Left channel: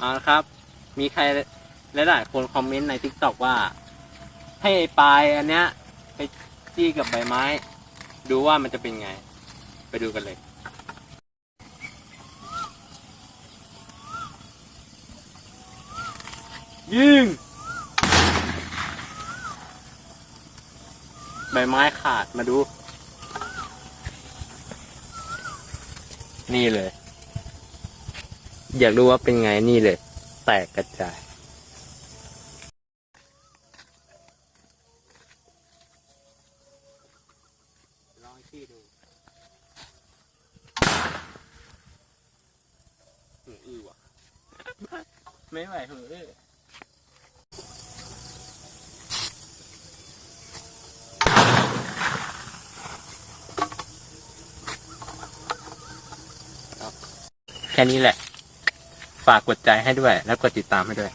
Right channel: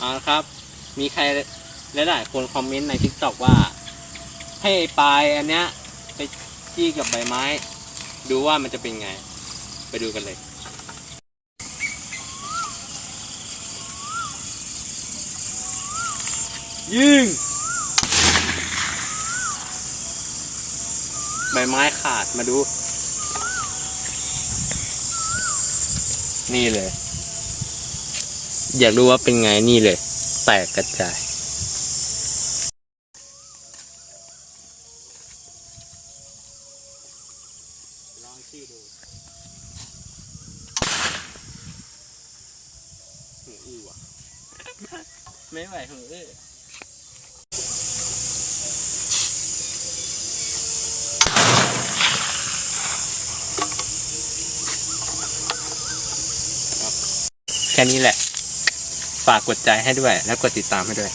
เอาละครับ มีใครหลายๆคนคอมเมนต์ในทิกตอกว่า ให้ไอ้ปลายอันเนี้ยไปจี้กับใบไม้ ดูว่ามันจะเป็นไง ไปดูกันเลยยิงใบไม้ขาดมาดู นี่เลย อยากรู้ว่าเป็นไงนี่เลย แตกกระจาย ลองชื่อดูหูอื้อว่ะ ไม่ไหวหูอื้อแค่นี้แหละ ฝากกดใจให้ด้วย แล้วกดติดตามให้ด้วย